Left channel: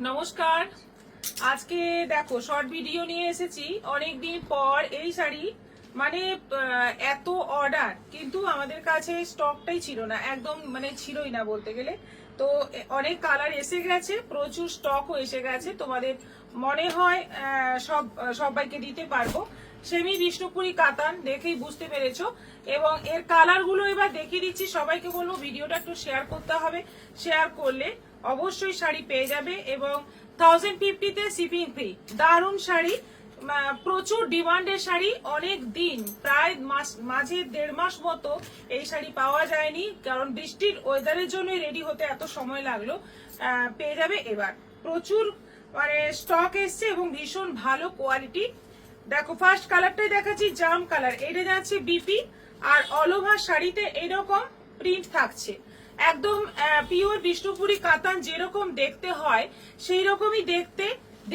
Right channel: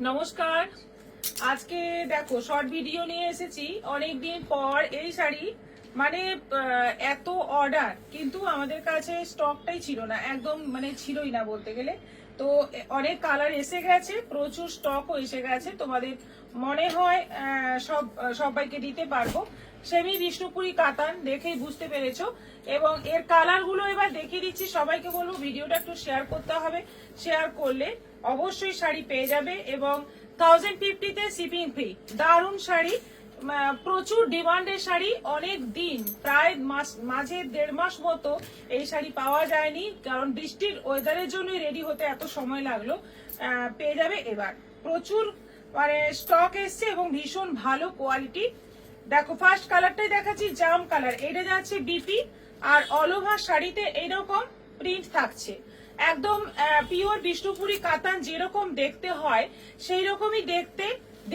নমস্কার। আজকে দেখো শর্ট ভিডিও নিয়ে এসেছি অনেকদিন পর। এই শাড়ি মানে এত অর্ডার, কিন্তু আমাদের কাছে স্টকটাই ছিল না, একদম মানে ছিলই না বলতে গেলে। তো অনেক কালার এসে গেছে, প্রচুর স্টকও এসে গেছে। তোমাদের মনে হয় সবাইকে দিতে পারবো। সেমি বিষ্ণুপুরি কাতান দেখেই বুঝতে পেরেছো। এবং এর কালারগুলো এবার দেখিয়ে দিচ্ছি। সবাইকে বলবো ভিডিওটা একটু শেয়ার করতে হবে, শেয়ার করলে অবশ্যই শাড়ি পেয়ে যাবে। এবং 1050-তে শিপিং ফ্রি, দারুণ শাড়ি, প্রচুর ডিমান্ডের শাড়ি। অনেক দিন, প্রায় মাঝে 1.5 মাস মতো এই শাড়ি পাওয়া যায়নি, কারণ বৃষ্টির ওয়েদারের জন্যই রেডি হতে এত সময় লাগলো। পেয়ে যাবে এবার, প্রচুর মানে স্টক এসছে এবং ভীষণ ভালো কোয়ালিটি। দেখো ফার্স্ট কালারটাই দেখাচ্ছি, জাম কালার। এটা যাচ্ছে বিপি, আর অল ওভার শাড়িতে এইরকম প্রিন্ট থাকছে। একদম পিওর বিষ্ণুপুরি কাতান যেরকম দেখতে হয় সেই রকমই দেখতে।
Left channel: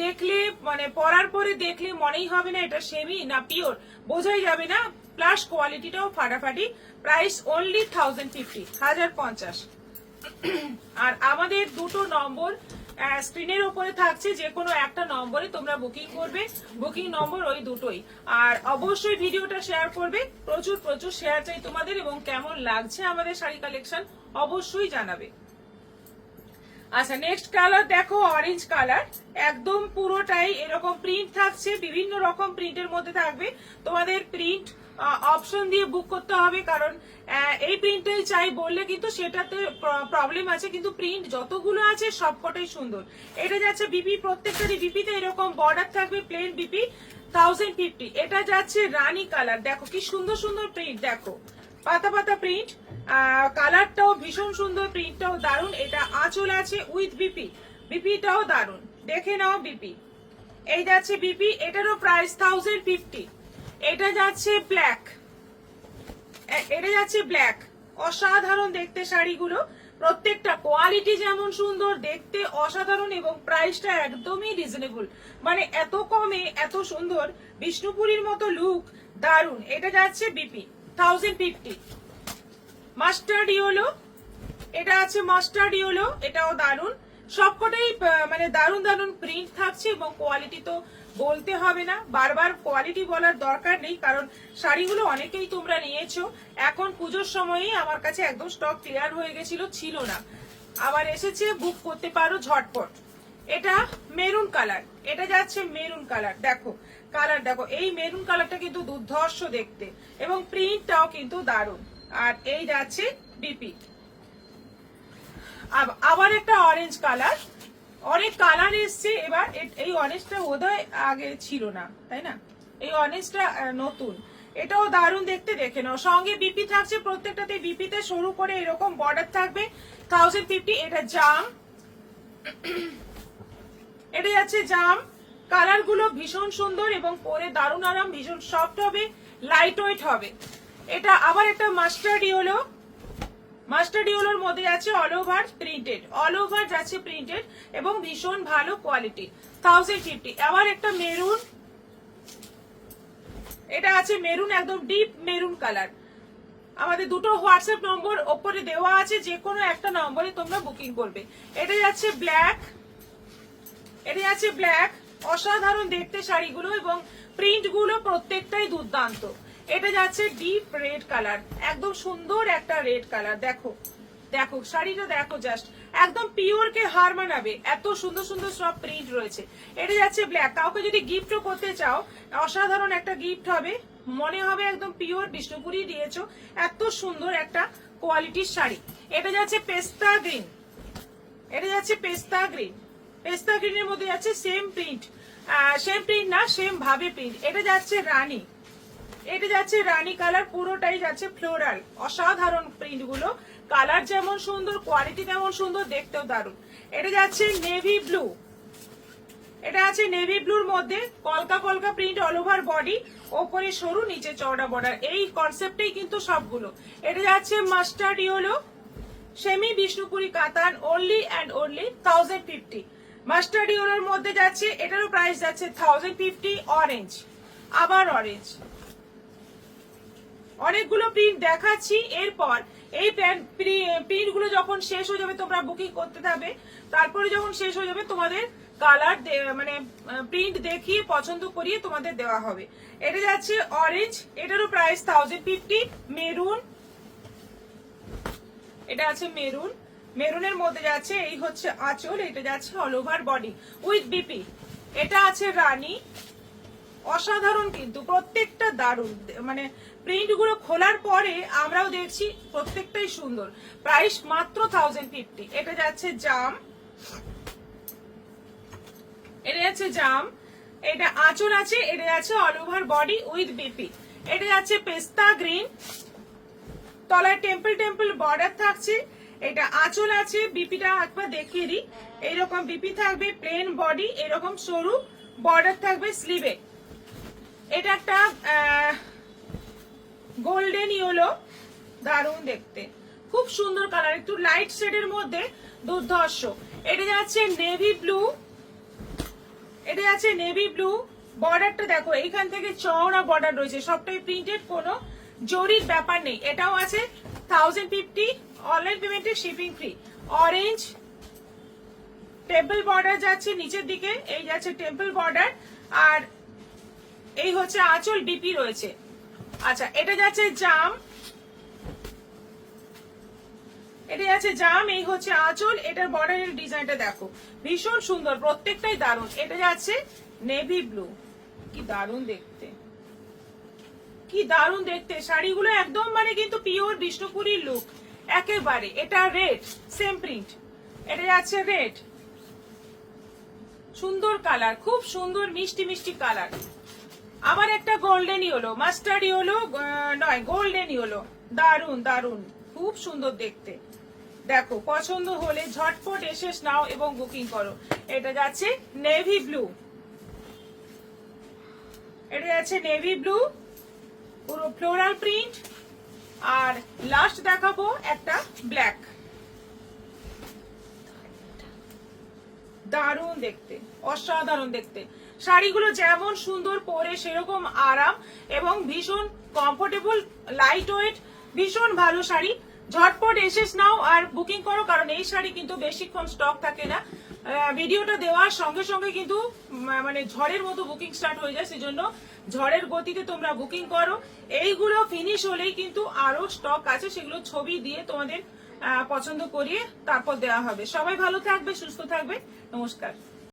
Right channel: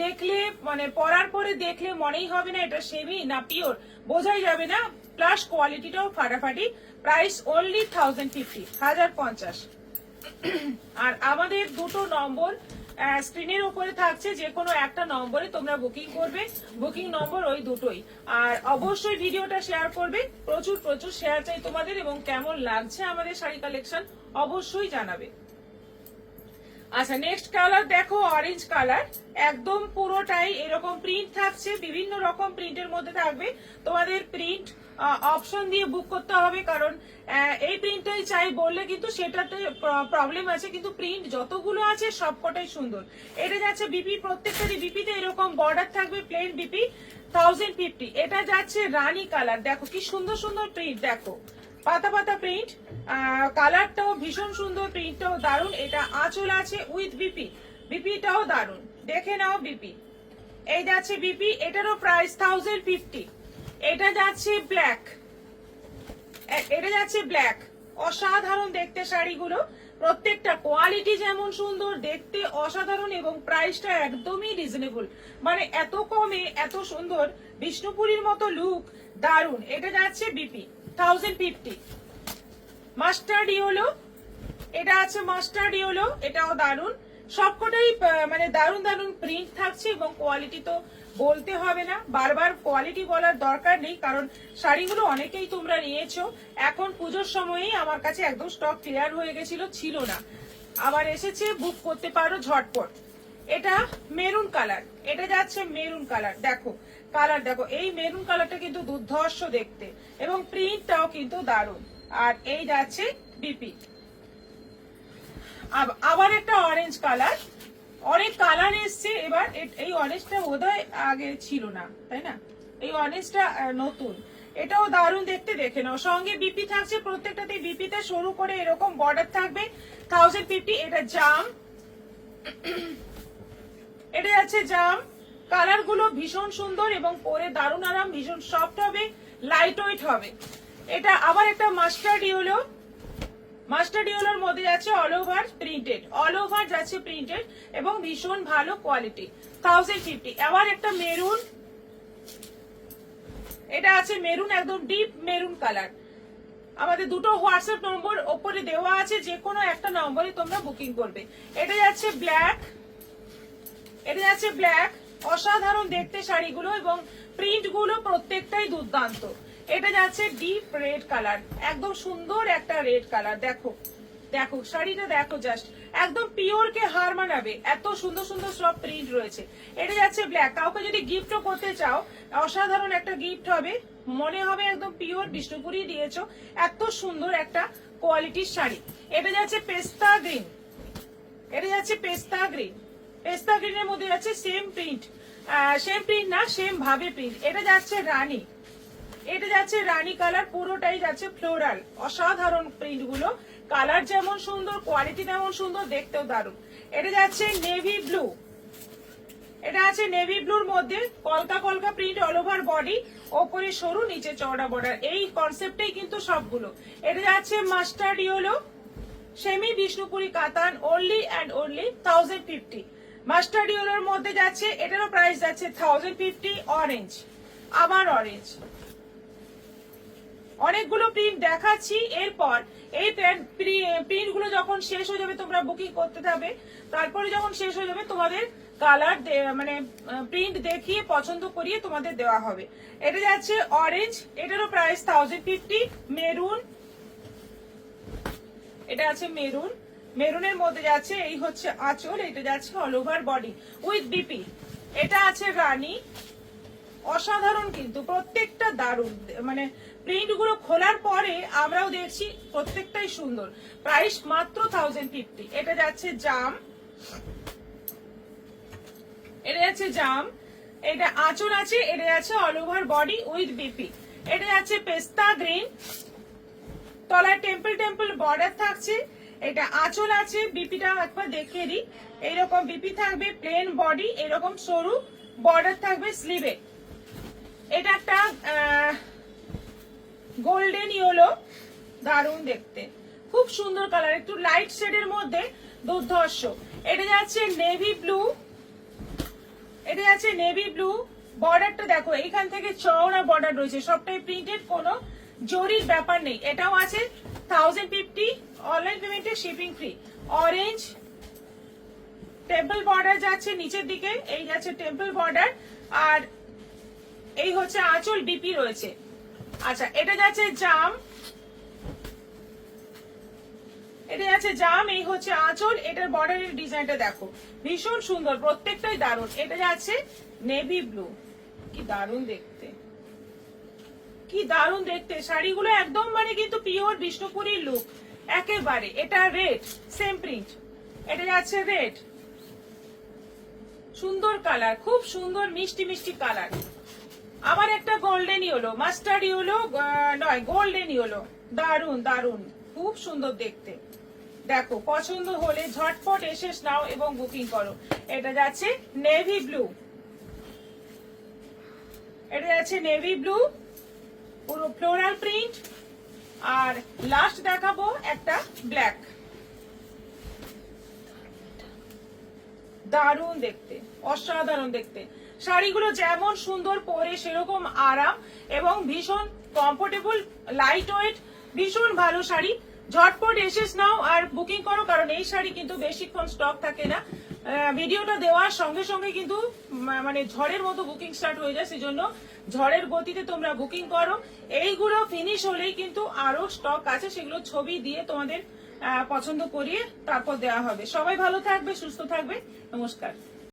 দেখলে মানে পরার পরে দেখলে মনেই হবে না এটা সেমি না পিওর, বোঝাই যাবে না। প্লাস কোয়ালিটিটাও ফাটাফাটি। Price only 1050। আর আমাদের দুটো নম্বর স্ক্রিনের উপরে থাকছে, যে কোনো একটা নম্বরে তোমরা বুকিং করবে। বুকিং নম্বর ওই দুটোই। আর অবশ্যই ভিডিওটা শেয়ার করবে, প্রচুর প্রচুর শেয়ার চাই তোমাদের। এবং কেমন লাগছে আমাদের শাড়ি কালেকশন অবশ্যই জানাবে। আচ্ছা, নেক্সট কালার দেখো, অরেঞ্জ কালার। একদম পুরোটাই এরকম প্রিন্ট থাকছে, বিভিন্ন রকম প্রিন্টের মধ্যে থাকবে। তোমাদের প্রিন্ট অপশন দিয়ে বুক করতে হবে, কারণ এই প্রিন্টটাই চাই বললে কিন্তু সেটাতে প্রবলেম আছে। কিন্তু প্রিন্ট যতগুলো আছে সবকটাই সুন্দর। এটা যাচ্ছে বিপি, প্রত্যেকটা বিপিতে এরকম বর্ডার থাকবে, প্লেন বিপি 1050। এটা যাচ্ছে রানী কালার। দেখো কি সুন্দর সুন্দর প্রিন্ট, দেখো পাতা পাতা প্রিন্ট। কালারটাও ভীষণ সুন্দর, প্রিন্টটাও দারুণ। এটা আঁচল আছে উইথ বিপি, বিপিটাও দারুণ, দেখে নাও বিপি। এই যাচ্ছে বিপি, এটারও প্রাইস 1050। এটা যাচ্ছে ব্ল্যাক, এটা যাচ্ছে ব্ল্যাক। অসাধারণ দেখতে শাড়িগুলো, প্রত্যেকটা কোয়ালিটি যেমন সুন্দর, দেখতে অসাধারণ, এবং প্রাইসটা একদমই রিজনেবল। মানে এত কমে এত সুন্দর, বিষ্ণুপুরীর মতো লুক, দারুণ। এটা যাচ্ছে বিপি 1050। মাস্টার্ড ইয়েলো, এটা আছে মাস্টার্ড ইয়েলো, এটাও দারুণ। সবকটাই মানে দারুণ দারুণ প্রিন্ট থাকছে, এবং কোয়ালিটি তো বলতে হবে না, বারবার কোয়ালিটি বলার দরকার নেই, কারণ শাড়িগুলো অনেকেই তোমরা নিয়েছো। এখন পুজোর সময়ই আমার কাছে একদম স্টক ক্লিয়ার হয়ে গেছিল, ছিল না, আবার এসেছে, বুক করতে পারো ঝটপট। এটা মেরুন কালার, এটা যাচ্ছে মেরুন কালার। দেখো কালার, দেখো এই মেরুন কালারটা কিন্তু দুর্ধর্ষ দেখতে, এবং প্রিন্টটাও কিন্তু দারুণ। আর এই যাচ্ছে বিপি। আবার একটা অরেঞ্জ কালার, অনেক কালার এসছে এবার। এই অরেঞ্জটা বোধহয় আগে ছিল না, তাই না? এই অরেঞ্জটা নতুন, এটাও দারুণ দেখতে, দেখে নাও। সঙ্গে বিপি থাকছে, প্রত্যেকটাতে বিপিতে শুরু করে এরকম বর্ডার থাকবে 1050। এটা জাম, এটা যাচ্ছে জাম। কালার গুলো ভীষণ সুন্দর, এবং পরে দারুণ আরাম, ভীষণ সফট হবে, লাইট ওয়েট হবে। এটা আবার একটা মাস্টার্ড ইয়েলো, মাস্টার্ড ইয়েলোর মধ্যে যাচ্ছে all over printed, all over যাচ্ছে প্রিন্টেড, এবং ভীষণ ভালো কোয়ালিটি 1050। আবার একটা মেরুন, এটা আছে মেরুন, একদম ডিপ মেরুন কালার। আমাদের দুটো হোয়াটসঅ্যাপ নম্বর ওপরে দেওয়া আছে, যে কোনো একটা নম্বরে তোমরা বুকিং করবে। এটা যাচ্ছে ব্ল্যাক, এটা যাচ্ছে ব্ল্যাক। অসাধারণ দেখতে শাড়িগুলো, এবং প্রিন্ট গুলো প্রত্যেকটাই দুর্দান্ত। এটা যাচ্ছে ডিপ রেড কালার, একদম সুন্দর একটা রেড কালার। দেখো দেখো শাড়িটা দেখো, জাস্ট একদম পিওর কে হার মানাবে, এত সুন্দর সুন্দর সব প্রিন্ট রয়েছে। এটা যাচ্ছে ব্ল্যাক। কাউকে যদি গিফটও করতে চাও, অসাধারণ একটা গিফট হবে, মনে হবে একদম পিওর বিষ্ণুপুরি দিয়েছো, এত সুন্দর একটা কোয়ালিটির শাড়ি। এটা যাচ্ছে পেস্তা গ্রিন, এটা যাচ্ছে পেস্তা গ্রিন। পেস্তা গ্রিনের মধ্যে যাচ্ছে সেম প্রিন্ট, সেম প্রিন্ট না, সেম ভাবে প্রিন্ট। এটা যাচ্ছে রানী, এটা যাচ্ছে রানী কালার, পুরোটাই যাচ্ছে ফ্লোরাল। অসাধারণ প্রিন্ট গুলো, কালার যেমন সুন্দর, কোয়ালিটি তেমন সুন্দর, দেখতেও দারুণ। এটা যাচ্ছে নেভি ব্লু, এটা আছে নেভি ব্লুর মধ্যে কলকা কলকা প্রিন্ট, অল ওভার বডি, ওপরে সরু, নিচে চওড়া বর্ডার। এই কনসেপ্টেই কিন্তু সবগুলো। এটা যাচ্ছে মাস্টার্ড ইয়েলো, সেমি বিষ্ণুপুরি কাতান, অনলি অ্যান্ড অনলি 1050। মাস্টার্ড ইয়েলোর মধ্যে যাচ্ছে, এটারও প্রাইস যাচ্ছে 1050। অরেঞ্জ, আবার অরেঞ্জ, অনেকগুলো প্রিন্ট দেখাচ্ছি। এরপর এই প্রিন্ট গুলো যখন শেষ হয়ে যাবে, তোমরা বুকিং করতে থাকবে, তারপরে যখন শেষ হয়ে যাবে তোমাদের কালার মানে প্রিন্ট দেখিয়ে পছন্দ করিয়ে তোমাদের দেওয়া হবে। এটা যাচ্ছে অরেঞ্জ, এটারও প্রাইস 1050। মেরুন, এটা আছে মেরুন, মেরুনের মধ্যে যাচ্ছে এই হচ্ছে আঁচল, এটা যাচ্ছে all over body with BP. এটা আছে রানী, অসাধারণ কিন্তু প্রত্যেকটা দারুণ, মানে প্রিন্ট গুলো খোলার পরে আমরাও দেখছি প্রত্যেকটাই সুন্দর। প্রাইস মাত্র 1050। এটা যাচ্ছে জাম, এটা যাচ্ছে জাম, এটা আঁচল আছে, এটা আছে all over body with BP. এটা যাচ্ছে পেস্তা গ্রিন, তলায় টেম্পল টেম্পল বর্ডার থাকছে, এটা আঁচল আছে, বিপিটা একবার দেখিয়ে দিই, এইরকম বিপি থাকবে, প্লেন বডি, এরকম সরু বর্ডার থাকবে স্লিভে। এটা একটা গোল্ডেন ইয়েলো, দারুণ দেখতে, খুব সুন্দর কালার, একটু লাইট শেডের মধ্যে দুর্ধর্ষ। এটা যাচ্ছে নেভি ব্লু, এটা যাচ্ছে নেভি ব্লু, বর্ডারটা দেখো এইখান থেকে চওড়া বর্ডার রয়েছে, সবটাই প্রিন্টেড, কোনো জরির ব্যাপার নেই। এটাও আছে 1050, অনলাইন পেমেন্টে shipping free. Orange, temple border যাচ্ছে নিচের দিকে, এই যাচ্ছে টেম্পল বর্ডার, আর এই হচ্ছে আঁচল, বিপি রয়েছে। আচ্ছা, এটা যাচ্ছে জাম, এটা যাচ্ছে জাম, এই হচ্ছে আঁচল, এটার বর্ডারের ডিজাইনটা দেখো ভীষণ সুন্দর, প্রত্যেকটাই দারুণ। এটা যাচ্ছে নেভি ব্লু, কি দারুণ দেখতে, কি দারুণ দেখতে শাড়িগুলো, একদম মানে কিন্তু পিওর বিষ্ণুপুরীর লুক একেবারে। এটা রেড, সেম প্রিন্ট, এটা যাচ্ছে রেড, সুন্দর কালার, খুব সুন্দর মিষ্টি মিষ্টি কালার। আবার একটা গোল্ডেন ইয়েলো, মাস্টার্ড ইয়েলো নয়, গোল্ডেন ইয়েলো, দারুন দারুন, খুব সুন্দর দেখতে। দেখো পছন্দ হলে ঝটপট এসে নাও এবং বুকিং করো। এটা যাচ্ছে নেভি ব্লু, এটা যাচ্ছে নেভি ব্লু, পুরো ফ্লোরাল প্রিন্ট। আর লাস্ট দেখাবো একটা ব্ল্যাক, দারুণ দেখতে, অসাধারণ দেখতে। শাড়িগুলো যেমন সুন্দর, পরে সেরকম আরাম এবং ভীষণ কমফোর্টেবল, লাইট ওয়েট, ভীষণ ভালো শাড়ি। ঝটপট এসে নাও আর বুকিং করো, কারণ এই শাড়ি কিন্তু বেশিক্ষণ স্টক থাকে না। ভিডিওটা দেওয়ার সঙ্গে সঙ্গে কিন্তু মানে ঝড়ের মতো বুকিং স্টার্ট হয়ে যায়, সেজন্য ঝড়ের গতিতে তোমরা বুকিং করো। এইগুলো ফিনিশ হলেই কিন্তু আরো স্টক আছে, সেগুলো ছবি দিয়ে তোমাদের পছন্দ করিয়ে তারপর দেওয়া হবে। সবাই ভালো থাকবে, সুস্থ থাকবে, নমস্কার।